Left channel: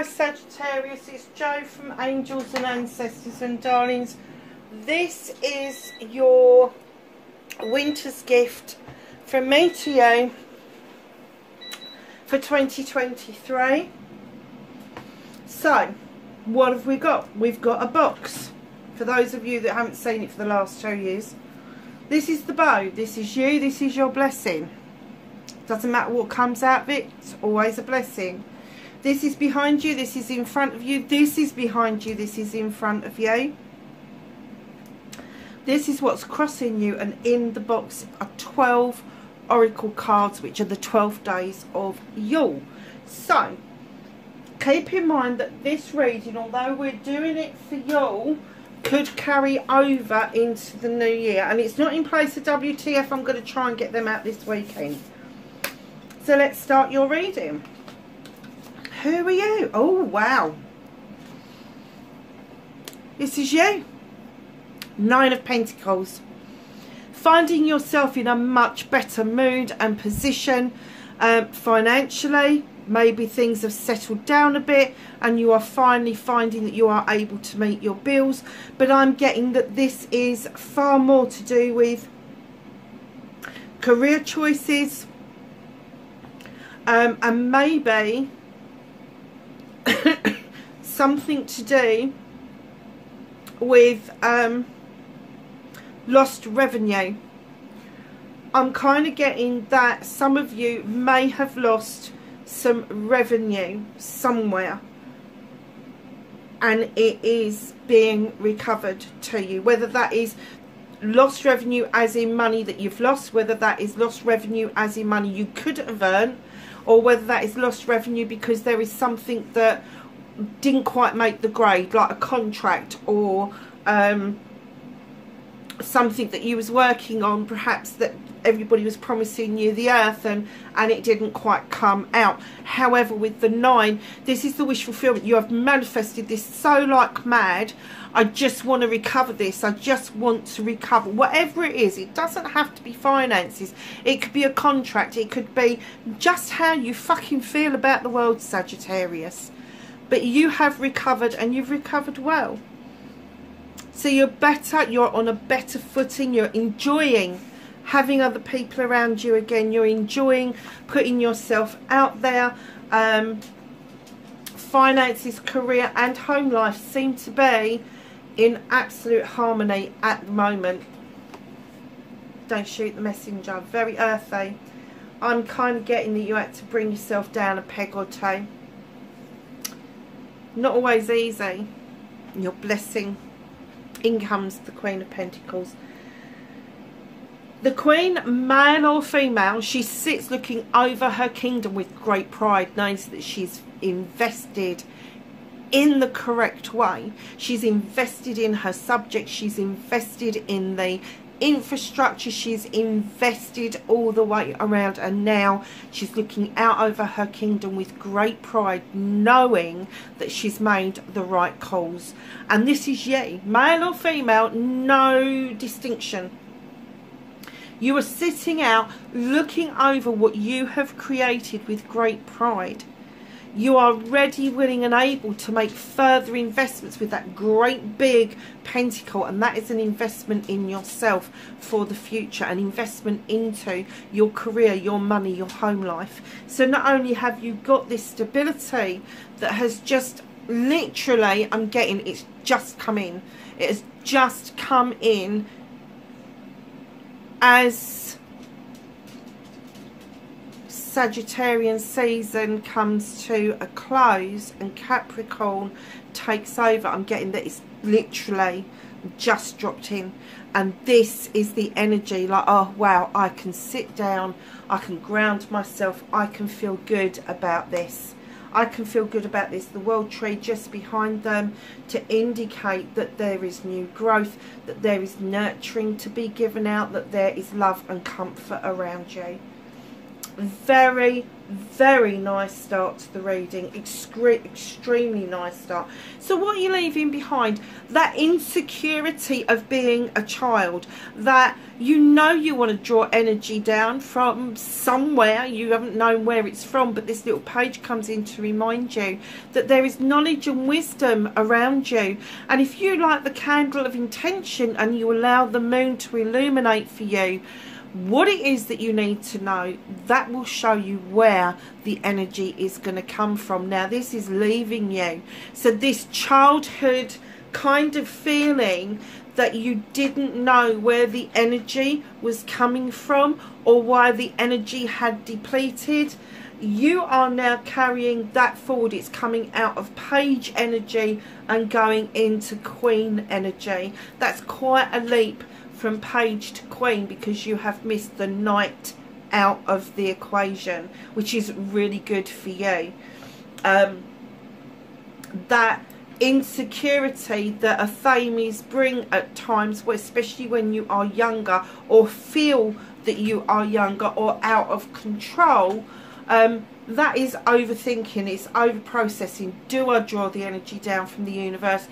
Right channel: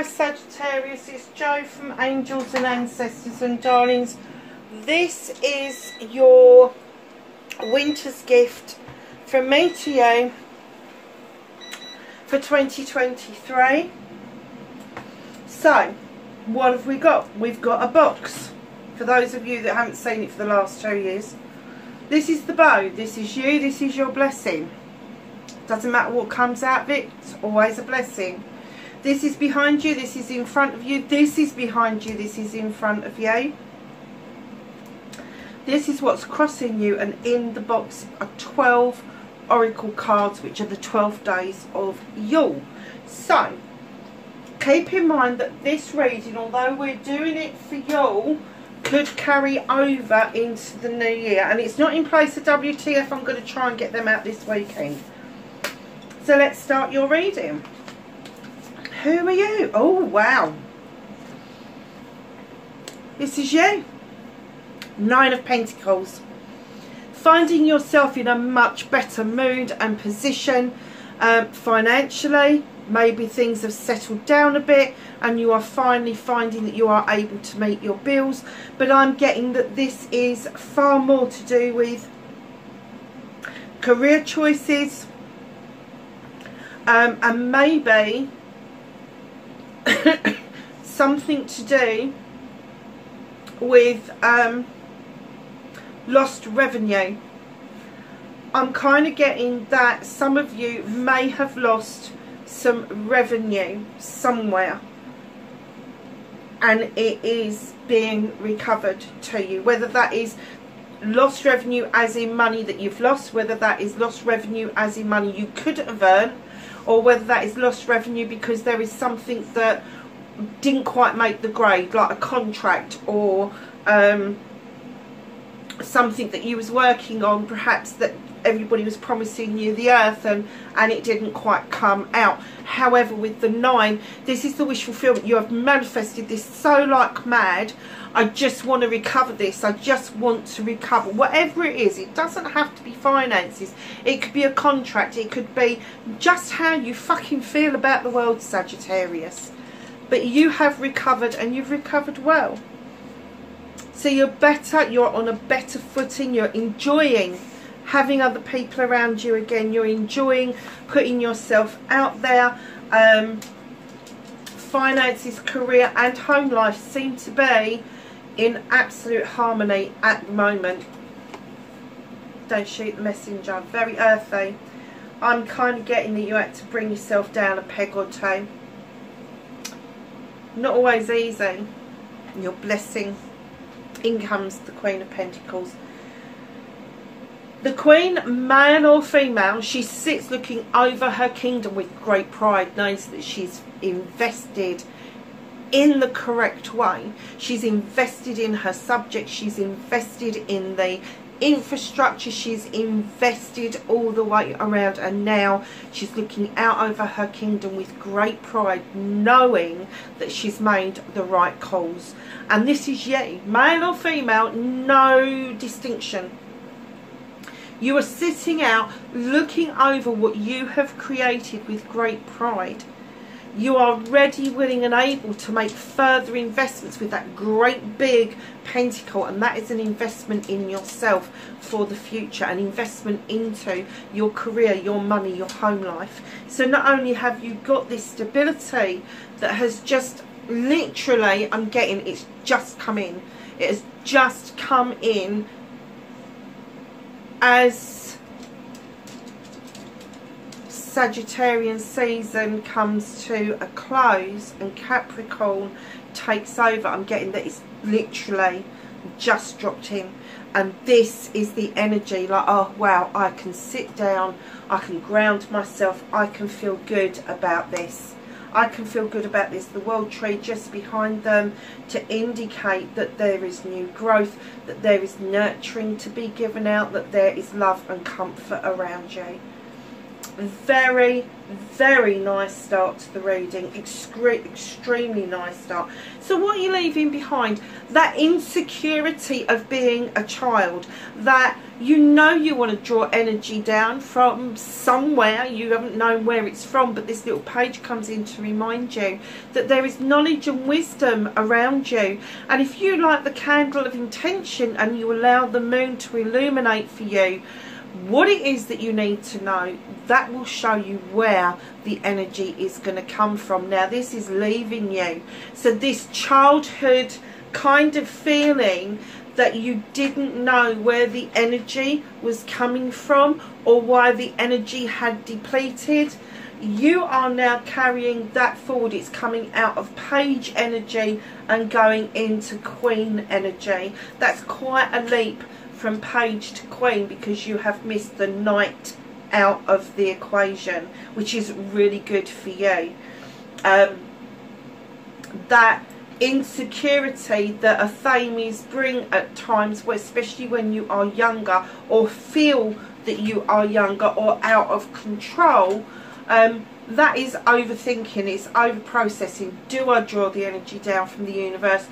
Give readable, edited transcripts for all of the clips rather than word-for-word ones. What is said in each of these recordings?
Hi Sagittarius, it's Jo from Angels and Ancestors and Darlings. This is your winter's gift from me to you for 2023. So, what have we got? We've got a box. For those of you that haven't seen it for the last 2 years, this is the bow. This is you. This is your blessing. Doesn't matter what comes out of it, it's always a blessing. This is behind you, this is in front of you, this is behind you, this is in front of you. This is what's crossing you, and in the box are 12 oracle cards, which are the 12 days of Yule. So, keep in mind that this reading, although we're doing it for Yule, could carry over into the new year. And it's not in place of WTF, I'm going to try and get them out this weekend. So let's start your reading. Who are you? Oh, wow. This is you. 9 of Pentacles. Finding yourself in a much better mood and position financially. Maybe things have settled down a bit and you are finally finding that you are able to meet your bills. But I'm getting that this is far more to do with career choices. And maybe something to do with lost revenue. I'm kind of getting that some of you may have lost some revenue somewhere and it is being recovered to you, whether that is lost revenue as in money that you've lost, whether that is lost revenue as in money you could have earned, or whether that is lost revenue because there is something that didn't quite make the grade, like a contract or something that you was working on, perhaps that everybody was promising you the earth and it didn't quite come out. However, with the 9, this is the wish fulfillment. You have manifested this so like mad. I just want to recover this. I just want to recover whatever it is. It doesn't have to be finances. It could be a contract. It could be just how you fucking feel about the world, Sagittarius. But you have recovered, and you've recovered well. So you're better. You're on a better footing. You're enjoying having other people around you again. You're enjoying putting yourself out there. Finances, career and home life seem to be in absolute harmony at the moment. Don't shoot the messenger. Very earthy. I'm kind of getting that you had to bring yourself down a peg or two. Not always easy. Your blessing. In comes the Queen of Pentacles. The Queen, male or female, she sits looking over her kingdom with great pride, knows that she's invested in the correct way. She's invested in her subject. She's invested in the infrastructure. She's invested all the way around, and now she's looking out over her kingdom with great pride, knowing that she's made the right calls. And this is you, male or female, no distinction. You are sitting out looking over what you have created with great pride. You are ready, willing and able to make further investments with that great big pentacle, and that is an investment in yourself for the future, an investment into your career, your money, your home life. So not only have you got this stability that has just literally, I'm getting, it's just come in. It has just come in as Sagittarian season comes to a close and Capricorn takes over. I'm getting that it's literally just dropped in, and this is the energy like, oh wow, I can sit down, I can ground myself, I can feel good about this. I can feel good about this. The world tree just behind them to indicate that there is new growth, that there is nurturing to be given out, that there is love and comfort around you. Very, very nice start to the reading. Extremely nice start. So what are you leaving behind? That insecurity of being a child, that you know you want to draw energy down from somewhere. You haven't known where it's from, but this little page comes in to remind you that there is knowledge and wisdom around you. And if you light the candle of intention and you allow the moon to illuminate for you what it is that you need to know, that will show you where the energy is going to come from. Now this is leaving you, so this childhood kind of feeling that you didn't know where the energy was coming from or why the energy had depleted, you are now carrying that forward. It's coming out of page energy and going into queen energy. That's quite a leap from page to queen, because you have missed the knight out of the equation, which is really good for you. That insecurity that Athames bring at times, especially when you are younger or feel that you are younger or out of control, that is overthinking, it's over processing. Do I draw the energy down from the universe?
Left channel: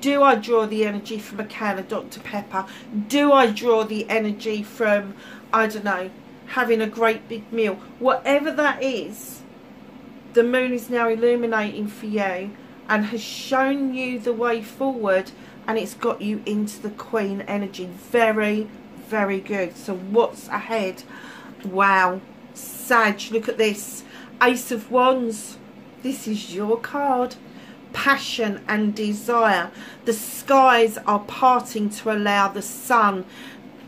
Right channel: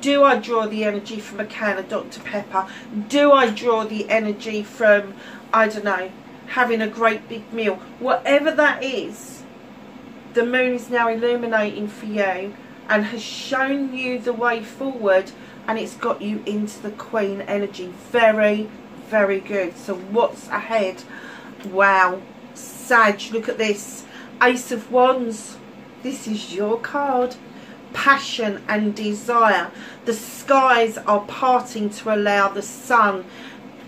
Do I draw the energy from a can of Dr. Pepper? Do I draw the energy from, I don't know, having a great big meal? Whatever that is, the moon is now illuminating for you and has shown you the way forward, and it's got you into the queen energy. Very, very good. So what's ahead? Wow, Sag, look at this. Ace of Wands. This is your card. Passion and desire. The skies are parting to allow the sun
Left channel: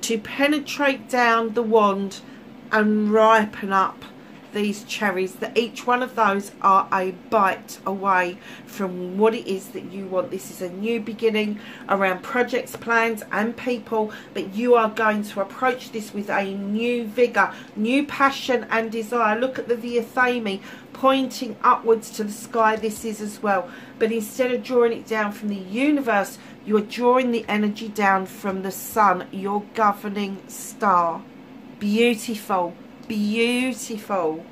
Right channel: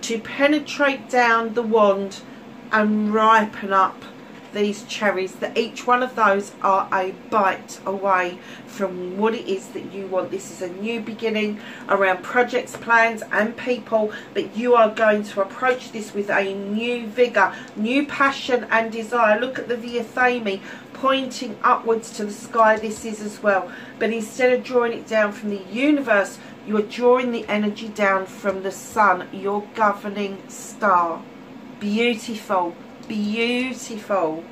to penetrate down the wand and ripen up these cherries. That each one of those are a bite away from what it is that you want. This is a new beginning around projects, plans and people, but you are going to approach this with a new vigor, new passion and desire. Look at the Viathame pointing upwards to the sky. This is as well, but instead of drawing it down from the universe, you are drawing the energy down from the sun, your governing star. Beautiful, beautiful.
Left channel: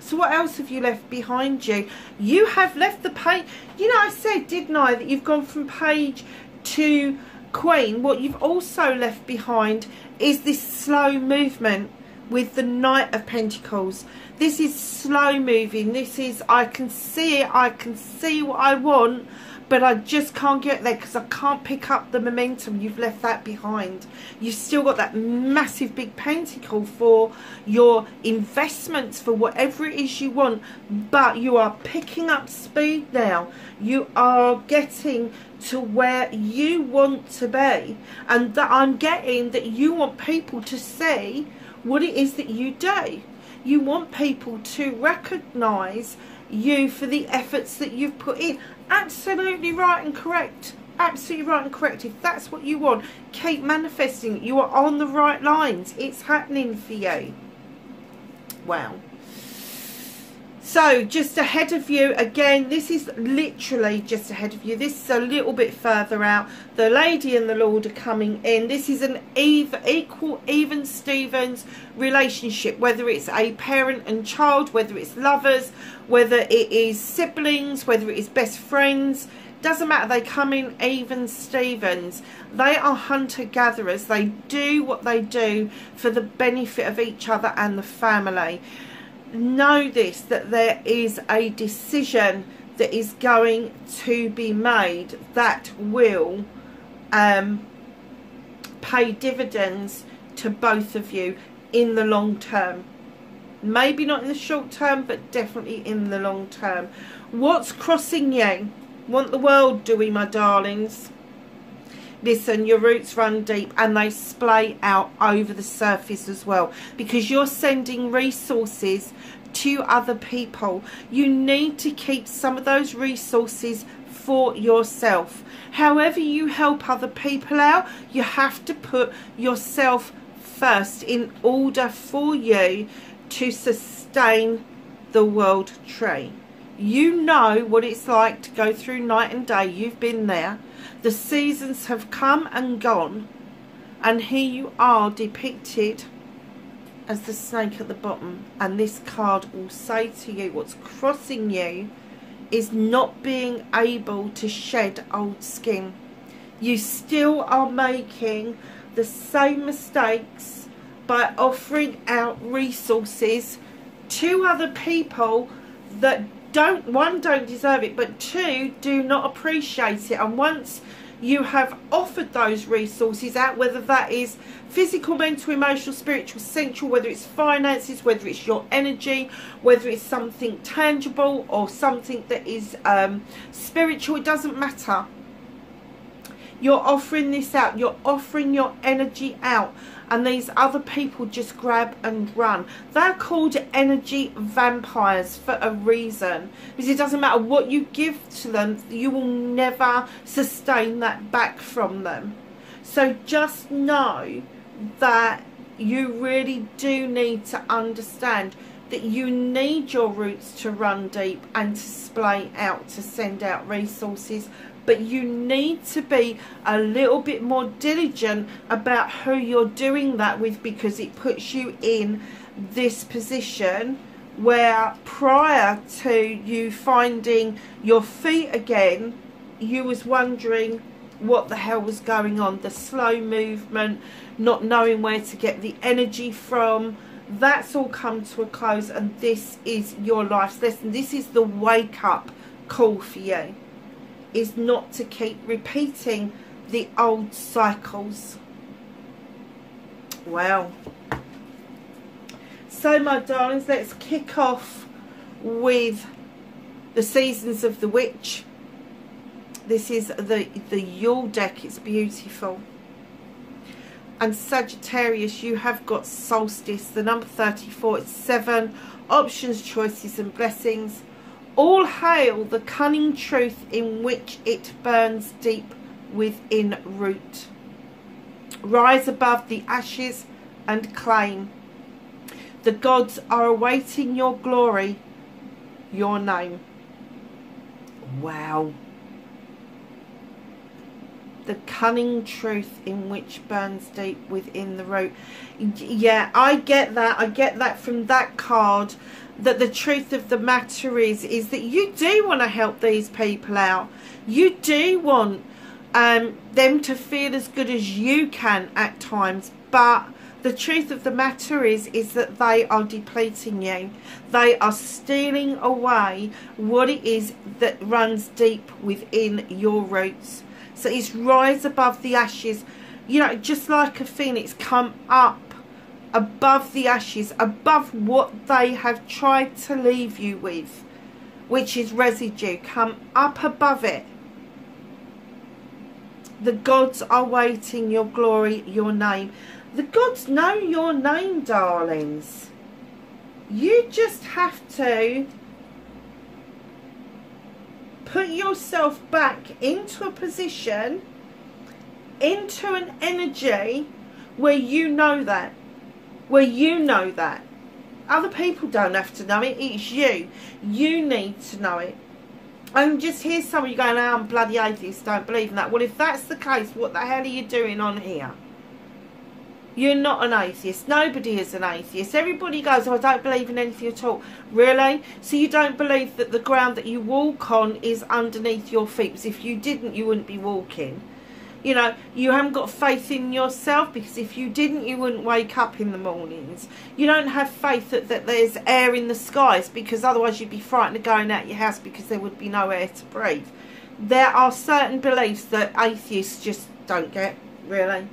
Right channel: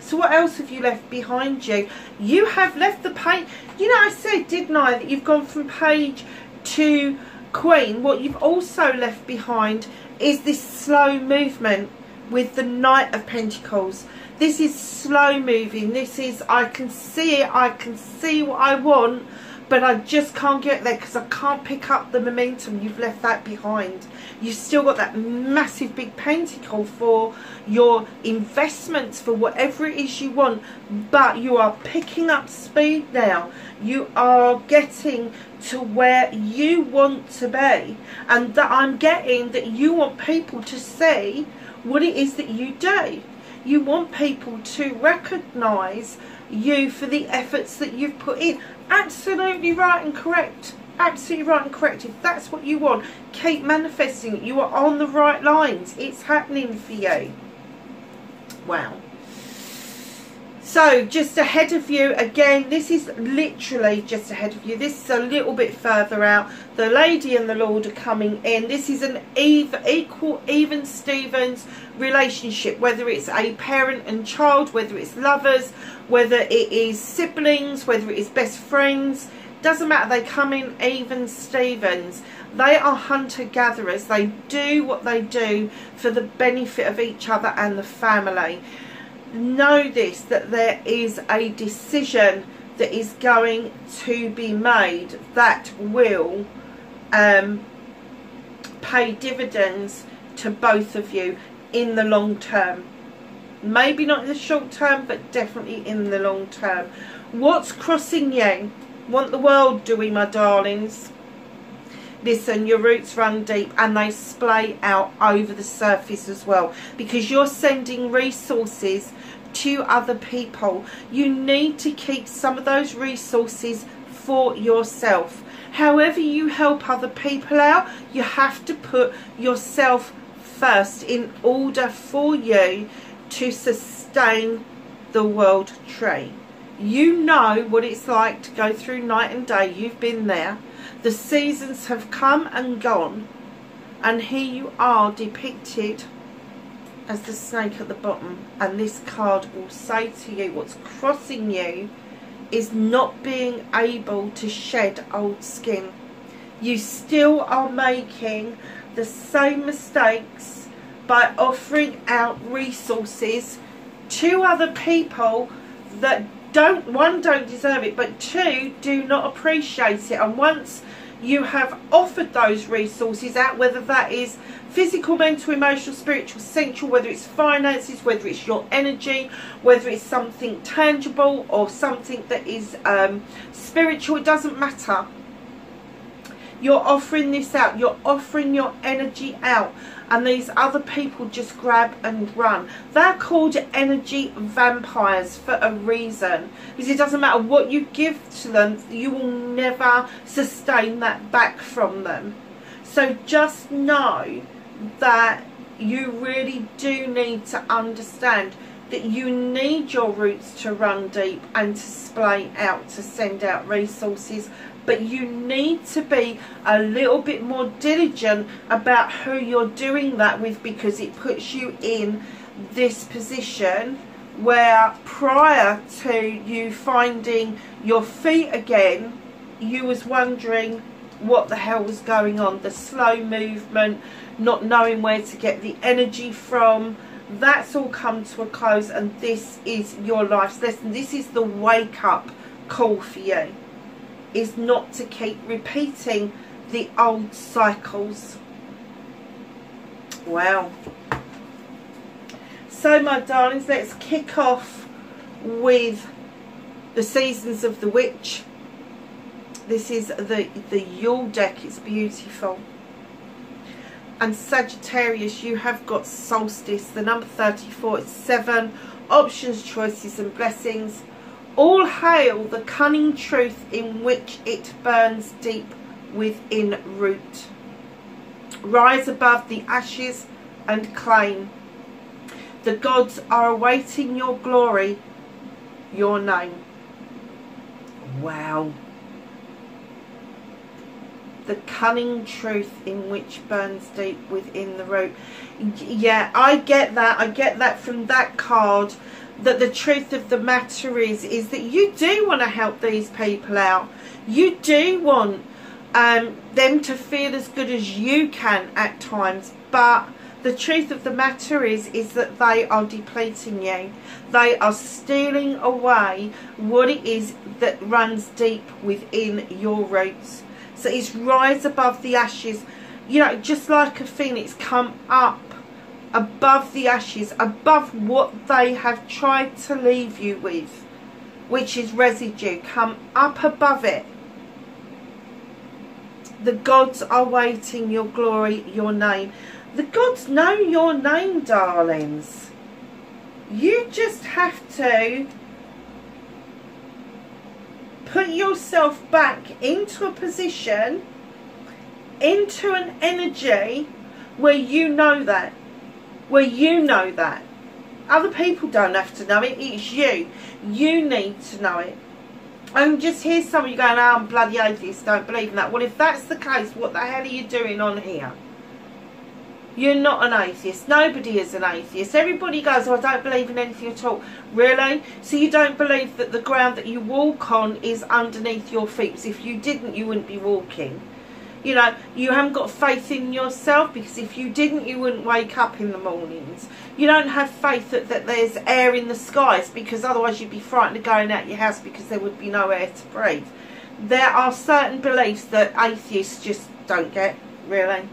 So what else have you left behind you? You have left the page. You know, I said, didn't I, that you've gone from page to queen. What you've also left behind is this slow movement with the Knight of Pentacles. This is slow moving. This is, I can see it, I can see what I want, but I just can't get there because I can't pick up the momentum. You've left that behind. You've still got that massive big pentacle for your investments, for whatever it is you want, but you are picking up speed now. You are getting to where you want to be, and that I'm getting that you want people to see what it is that you do. You want people to recognise you for the efforts that you've put in. Absolutely right and correct. Absolutely right and correct. If that's what you want, keep manifesting it. You are on the right lines. It's happening for you. Wow. So just ahead of you, again, this is literally just ahead of you. This is a little bit further out. The Lady and the Lord are coming in. This is an equal, even Stevens relationship, whether it's a parent and child, whether it's lovers, whether it is siblings, whether it is best friends. Doesn't matter. They come in even Stevens. They are hunter-gatherers. They do what they do for the benefit of each other and the family. Know this, that there is a decision that is going to be made that will pay dividends to both of you in the long term. Maybe not in the short term, but definitely in the long term. What's crossing you? Want the world, do we, my darlings? Listen, your roots run deep and they splay out over the surface as well, because you're sending resources to other people. You need to keep some of those resources for yourself. However you help other people out, you have to put yourself first in order for you to sustain the world tree. You know what it's like to go through night and day. You've been there. The seasons have come and gone, and here you are depicted as the snake at the bottom, and this card will say to you what's crossing you is not being able to shed old skin. You still are making the same mistakes by offering out resources to other people that don't deserve it, but two, do not appreciate it. And once you have offered those resources out, whether that is physical, mental, emotional, spiritual, sensual, whether it's finances, whether it's your energy, whether it's something tangible or something that is spiritual, it doesn't matter. You're offering this out, you're offering your energy out, and these other people just grab and run. They're called energy vampires for a reason, because it doesn't matter what you give to them, you will never sustain that back from them. So just know that you really do need to understand that you need your roots to run deep and to splay out, to send out resources. But you need to be a little bit more diligent about who you're doing that with, because it puts you in this position where prior to you finding your feet again, you was wondering what the hell was going on. The slow movement, not knowing where to get the energy from, that's all come to a close, and this is your life's lesson. This is the wake up call for you, is not to keep repeating the old cycles. Wow. So my darlings, let's kick off with the Seasons of the Witch. This is the Yule deck. It's beautiful. And Sagittarius, you have got solstice, the number 34. It's 7 options, choices and blessings. All hail the cunning truth in which it burns deep within root. Rise above the ashes and claim. The gods are awaiting your glory, your name. Wow. The cunning truth in which burns deep within the root. Yeah, I get that. I get that from that card. That the truth of the matter is that you do want to help these people out. You do want them to feel as good as you can at times, but the truth of the matter is that they are depleting you. They are stealing away what it is that runs deep within your roots. So it's rise above the ashes, you know, just like a phoenix, come up above the ashes, above what they have tried to leave you with, which is residue. Come up above it. The gods are waiting your glory, your name. The gods know your name, darlings. You just have to put yourself back into a position, into an energy where you know that. Where you know that. Other people don't have to know it. It's you. You need to know it. And just hear some of you going, oh, I'm bloody atheist, don't believe in that. Well, if that's the case, what the hell are you doing on here? You're not an atheist. Nobody is an atheist. Everybody goes, oh, I don't believe in anything at all. Really? So you don't believe that the ground that you walk on is underneath your feet? Because if you didn't, you wouldn't be walking. You know, you haven't got faith in yourself, because if you didn't, you wouldn't wake up in the mornings. You don't have faith that there's air in the skies, because otherwise you'd be frightened of going out your house because there would be no air to breathe. There are certain beliefs that atheists just don't get, really.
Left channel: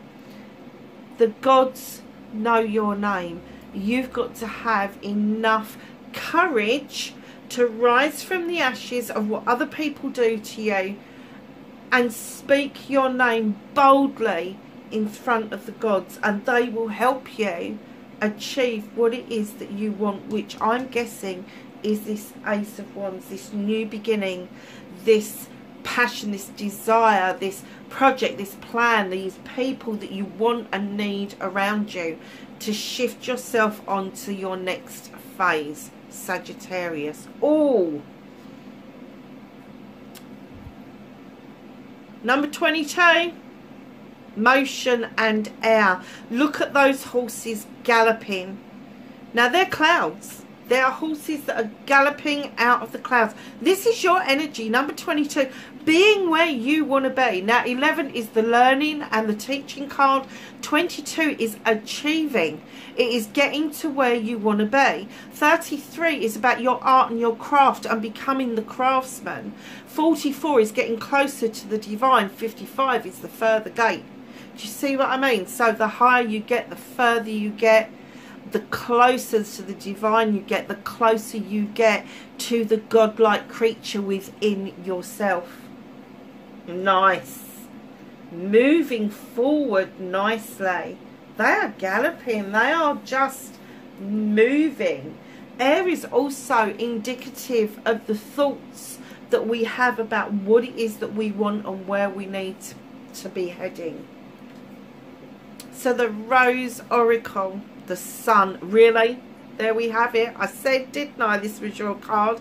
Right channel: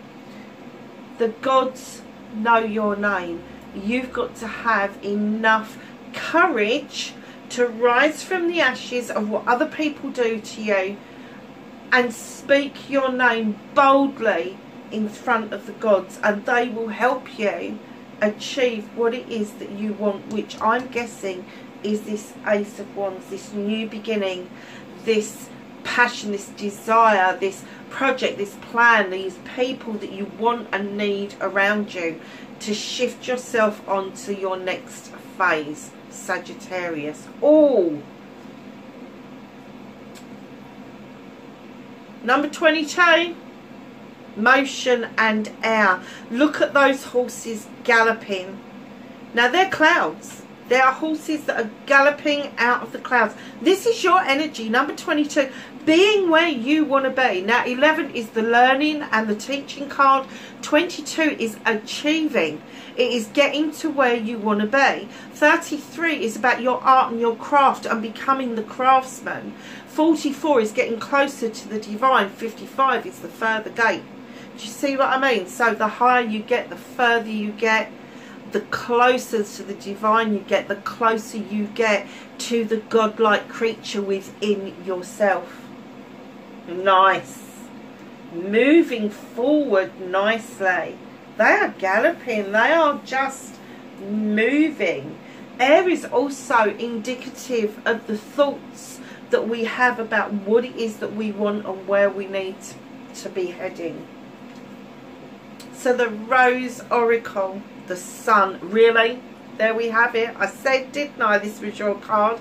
The gods know your name. You've got to have enough courage to rise from the ashes of what other people do to you and speak your name boldly in front of the gods, and they will help you achieve what it is that you want, which I'm guessing is this Ace of Wands, this new beginning, this passion, this desire, this project, this plan, these people that you want and need around you to shift yourself onto your next phase, Sagittarius. Oh, number 22, motion and air. Look at those horses galloping Now, they're clouds. There are horses that are galloping out of the clouds. This is your energy. Number 22, being where you want to be. Now, 11 is the learning and the teaching card. 22 is achieving. It is getting to where you want to be. 33 is about your art and your craft and becoming the craftsman. 44 is getting closer to the divine. 55 is the further gate. Do you see what I mean? So the higher you get, the further you get, the closer to the divine you get, the closer you get to the godlike creature within yourself. Nice. Moving forward nicely. They are galloping. They are just moving. Air is also indicative of the thoughts that we have about what it is that we want and where we need to be heading. So the Rose Oracle, the Sun, really, there we have it. I said, didn't I, this was your card.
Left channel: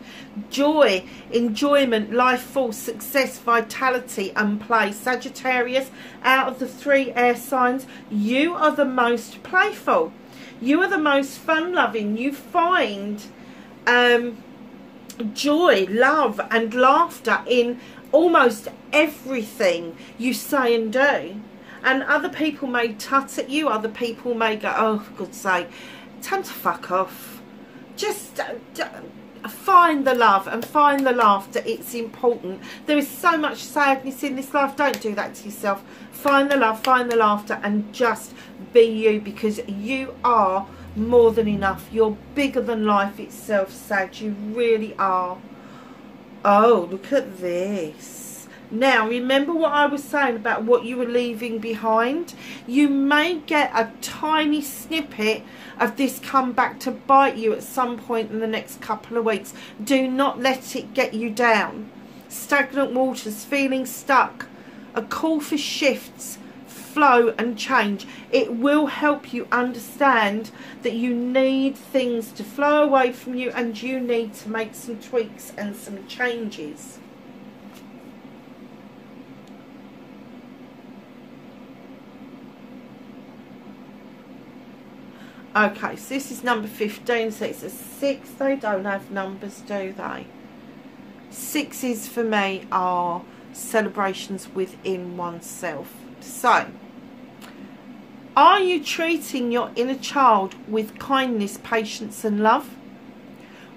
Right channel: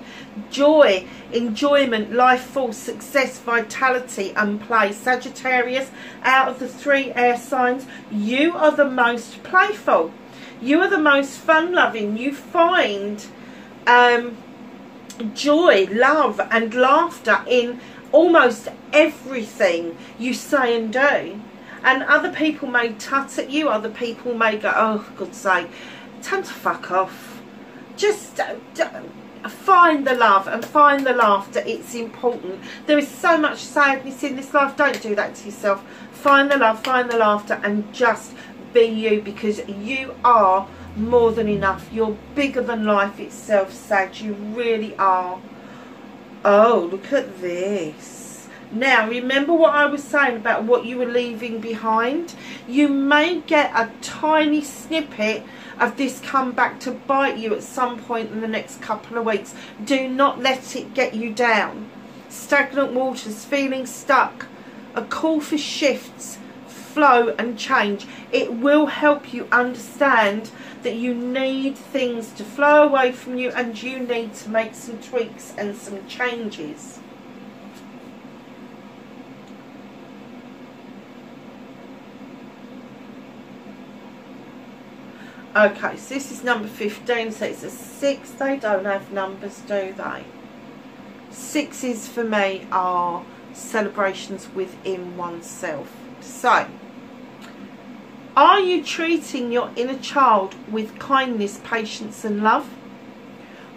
Joy, enjoyment, life force, success, vitality and play. Sagittarius, out of the 3 air signs, you are the most playful. You are the most fun-loving. You find joy, love and laughter in almost everything you say and do. And other people may tut at you. Other people may go, oh, for God's sake, time to fuck off. Just find the love and find the laughter. It's important. There is so much sadness in this life. Don't do that to yourself. Find the love, find the laughter, and just be you, because you are more than enough. You're bigger than life itself, Sag. You really are. Oh, look at this. Now, remember what I was saying about what you were leaving behind? You may get a tiny snippet of this come back to bite you at some point in the next couple of weeks. Do not let it get you down. Stagnant waters, feeling stuck, a call for shifts, flow and change. It will help you understand that you need things to flow away from you and you need to make some tweaks and some changes. Okay, so this is number 15, so it's a 6. They don't have numbers, do they? 6s for me are celebrations within oneself. So, are you treating your inner child with kindness, patience and love?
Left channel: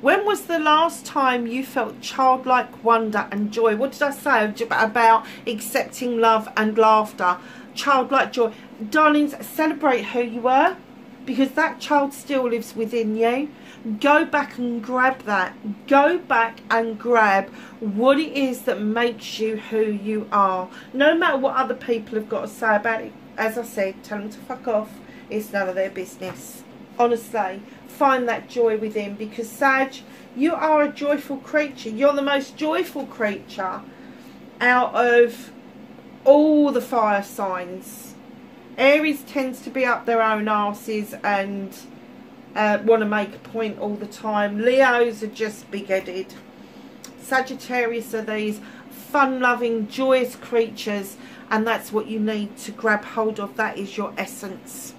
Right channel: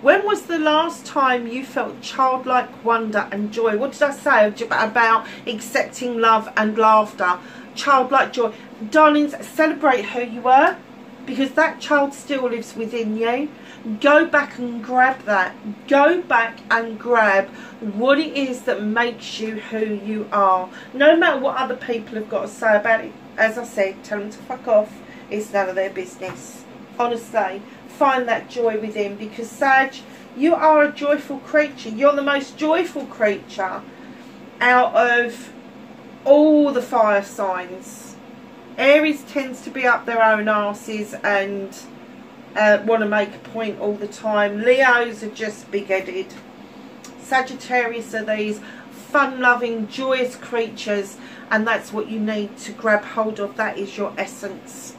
When was the last time you felt childlike wonder and joy? What did I say about accepting love and laughter? Childlike joy. Darlings, celebrate who you were, because that child still lives within you. Go back and grab that. Go back and grab what it is that makes you who you are. No matter what other people have got to say about it. As I said, tell them to fuck off. It's none of their business. Honestly, find that joy within, because Sag, you are a joyful creature. You're the most joyful creature out of all the fire signs. Aries tends to be up their own arses and want to make a point all the time. Leos are just big-headed. Sagittarius are these fun-loving, joyous creatures, and that's what you need to grab hold of. That is your essence.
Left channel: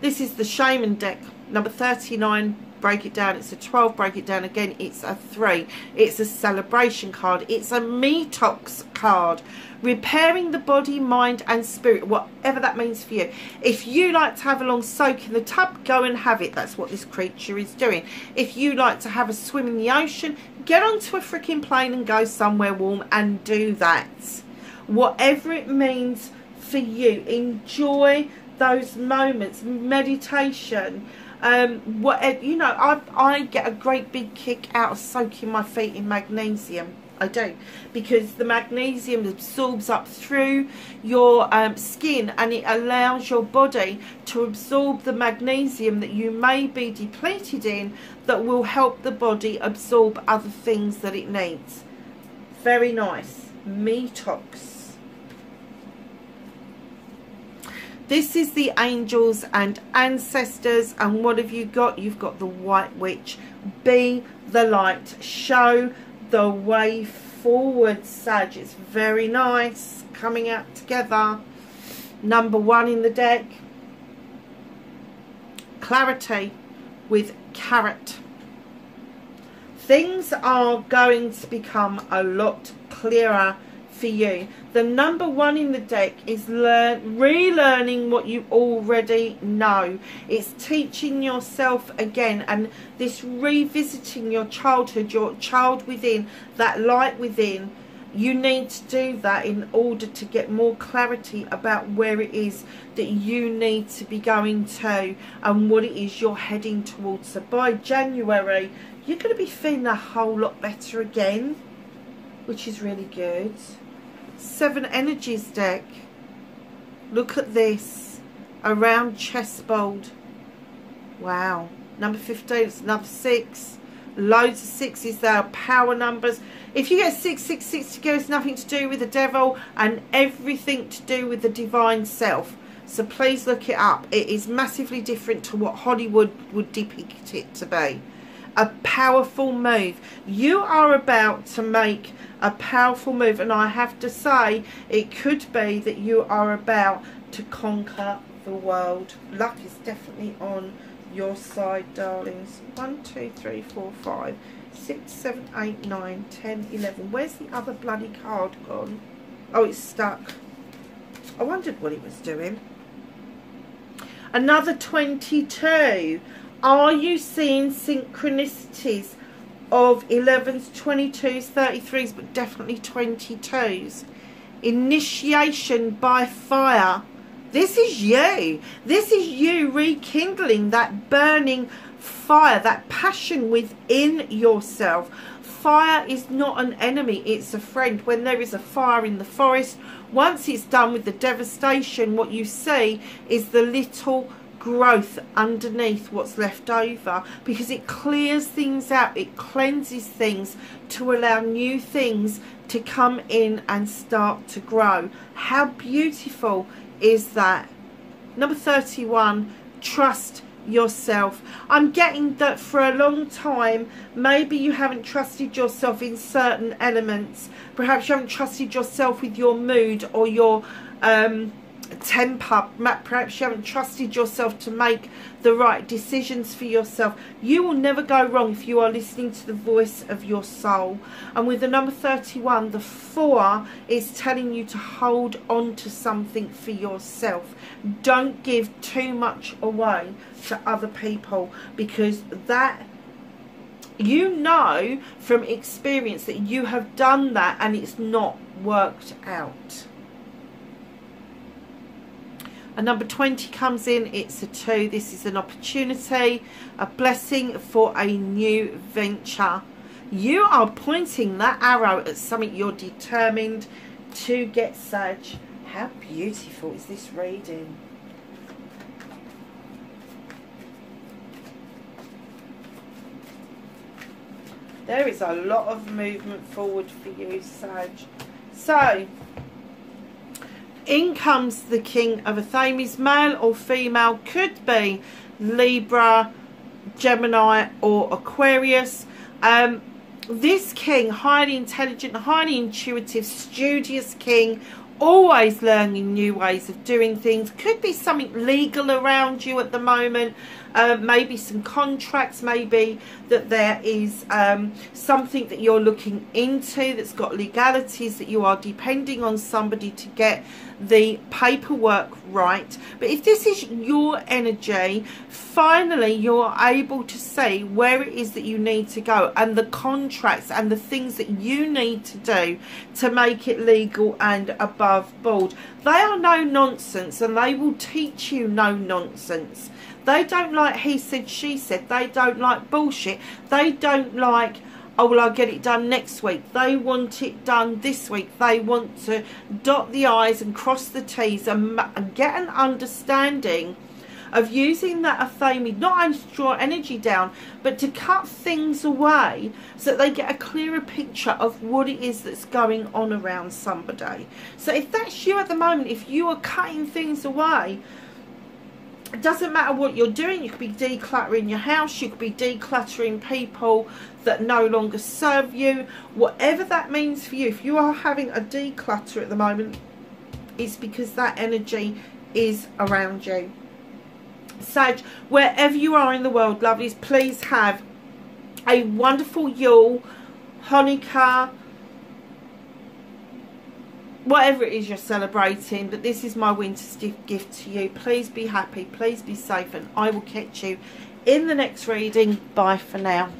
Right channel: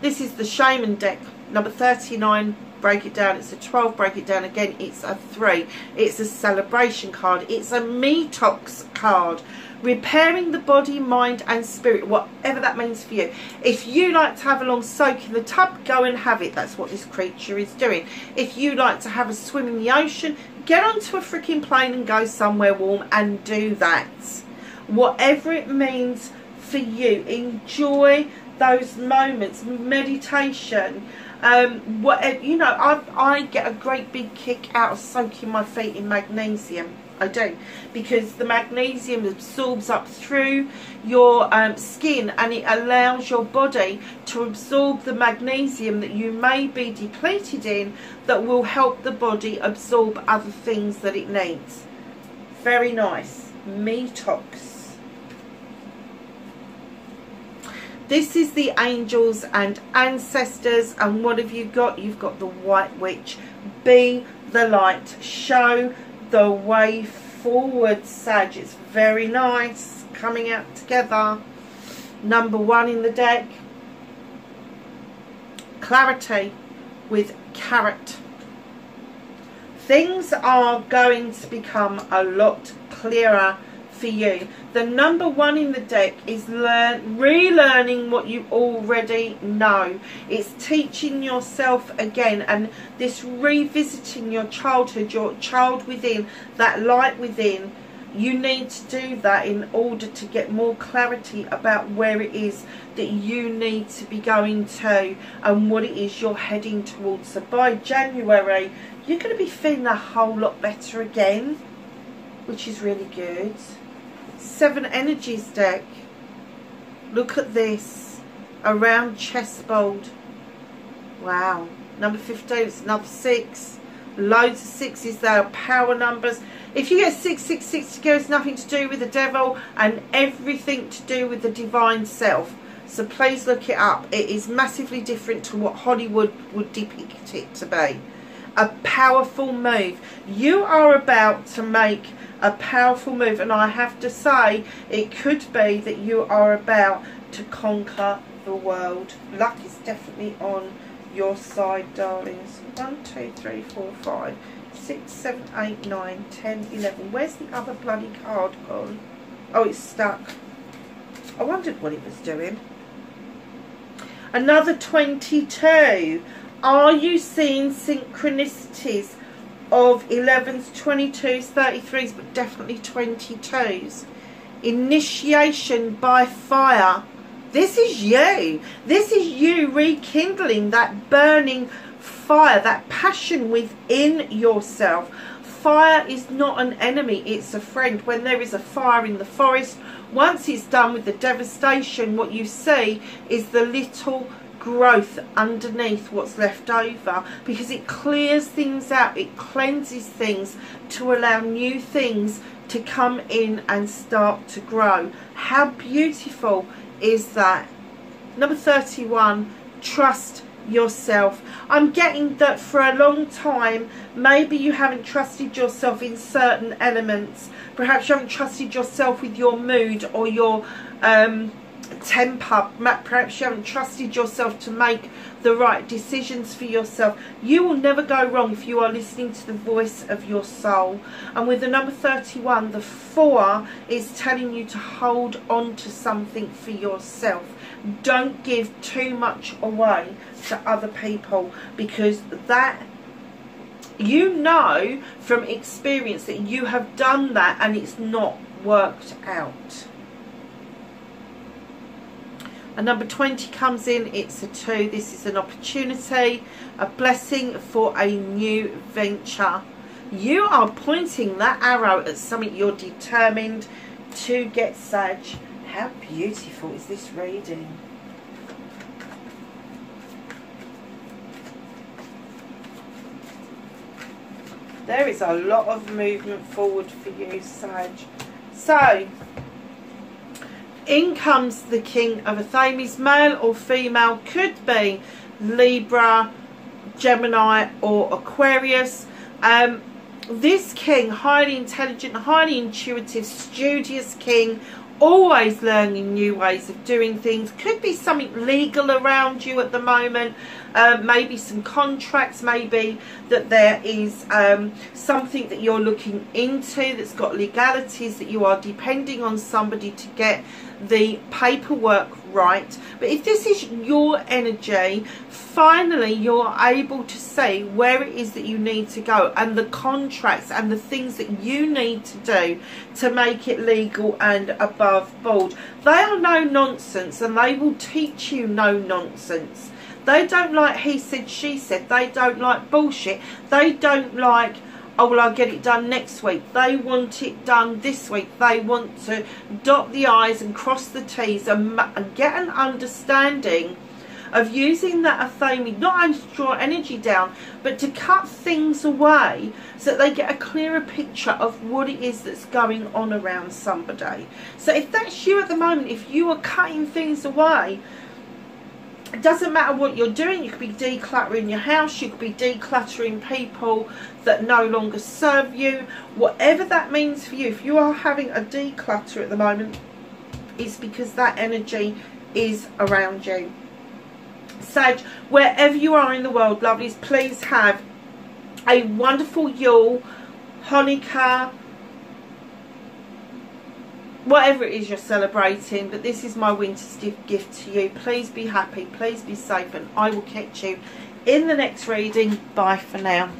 This is the Shaman deck, number 39. Break it down. It's a 12. Break it down again. It's a 3. It's a celebration card. It's a detox card. Repairing the body, mind and spirit, whatever that means for you. If you like to have a long soak in the tub, go and have it. That's what this creature is doing. If you like to have a swim in the ocean, get onto a freaking plane and go somewhere warm and do that. Whatever it means for you, enjoy those moments. Meditation, whatever, you know, I get a great big kick out of soaking my feet in magnesium. I do, because the magnesium absorbs up through your skin, and it allows your body to absorb the magnesium that you may be depleted in, that will help the body absorb other things that it needs. Very nice. Detox. This is the angels and ancestors, and what have you got? You've got the White Witch. Be the light. Show the way forward, Sag. It's very nice. Coming out together. Number 1 in the deck. clarity with Carrot. Things are going to become a lot clearer for you. The number 1 in the deck is relearning what you already know. It's teaching yourself again, and this revisiting your childhood, your child within, that light within. You need to do that in order to get more clarity about where it is that you need to be going to and what it is you're heading towards. So by January, you're going to be feeling a whole lot better again, which is really good. 7 Energies deck. Look at this. A round chessboard. Wow. Number 15, it's another 6. Loads of 6s there. Power numbers. If you get 666 together, it's nothing to do with the devil and everything to do with the divine self. So please look it up. It is massively different to what Hollywood would depict it to be. A powerful move. You are about to make a powerful move, and I have to say, it could be that you are about to conquer the world. Luck is definitely on your side, darlings. 1, 2, 3, 4, 5, 6, 7, 8, 9, 10, 11. Where's the other bloody card gone? Oh, it's stuck. I wondered what it was doing. Another 22. Are you seeing synchronicities of 11s, 22s, 33s, but definitely 22s? Initiation by fire. This is you. This is you rekindling that burning fire, that passion within yourself. Fire is not an enemy, it's a friend. When there is a fire in the forest, once it's done with the devastation, what you see is the little growth underneath what's left over, because it clears things out, it cleanses things to allow new things to come in and start to grow. How beautiful is that? Number 31, trust yourself. I'm getting that for a long time, maybe you haven't trusted yourself in certain elements. Perhaps you haven't trusted yourself with your mood or your temper. Perhaps you haven't trusted yourself to make the right decisions for yourself. You will never go wrong if you are listening to the voice of your soul. And with the number 31, the 4 is telling you to hold on to something for yourself. Don't give too much away to other people, because that, you know from experience that you have done that and it's not worked out. And number 20 comes in, it's a 2. This is an opportunity, a blessing for a new venture. You are pointing that arrow at something you're determined to get, Sag. How beautiful is this reading? There is a lot of movement forward for you, Sag. So, in comes the King of Athames, male or female, could be Libra, Gemini or Aquarius. This king, highly intelligent, highly intuitive, studious king, always learning new ways of doing things. Could be something legal around you at the moment, maybe some contracts, maybe that there is something that you're looking into that's got legalities, that you are depending on somebody to get the paperwork right. But if this is your energy, finally you're able to see where it is that you need to go, and the contracts and the things that you need to do to make it legal and above board. They are no nonsense, and they will teach you no nonsense. They don't like he said, she said. They don't like bullshit. They don't like, oh, well, I'll get it done next week. They want it done this week. They want to dot the I's and cross the T's and get an understanding of using that Athame, not only to draw energy down, but to cut things away so that they get a clearer picture of what it is that's going on around somebody. So if that's you at the moment, if you are cutting things away, it doesn't matter what you're doing. You could be decluttering your house, you could be decluttering people that no longer serve you, whatever that means for you. If you are having a declutter at the moment, it's because that energy is around you. Sag, wherever you are in the world, lovelies, please have a wonderful Yule, Hanukkah, whatever it is you're celebrating, but this is my winter gift to you. Please be happy, please be safe, and I will catch you in the next reading. Bye for now.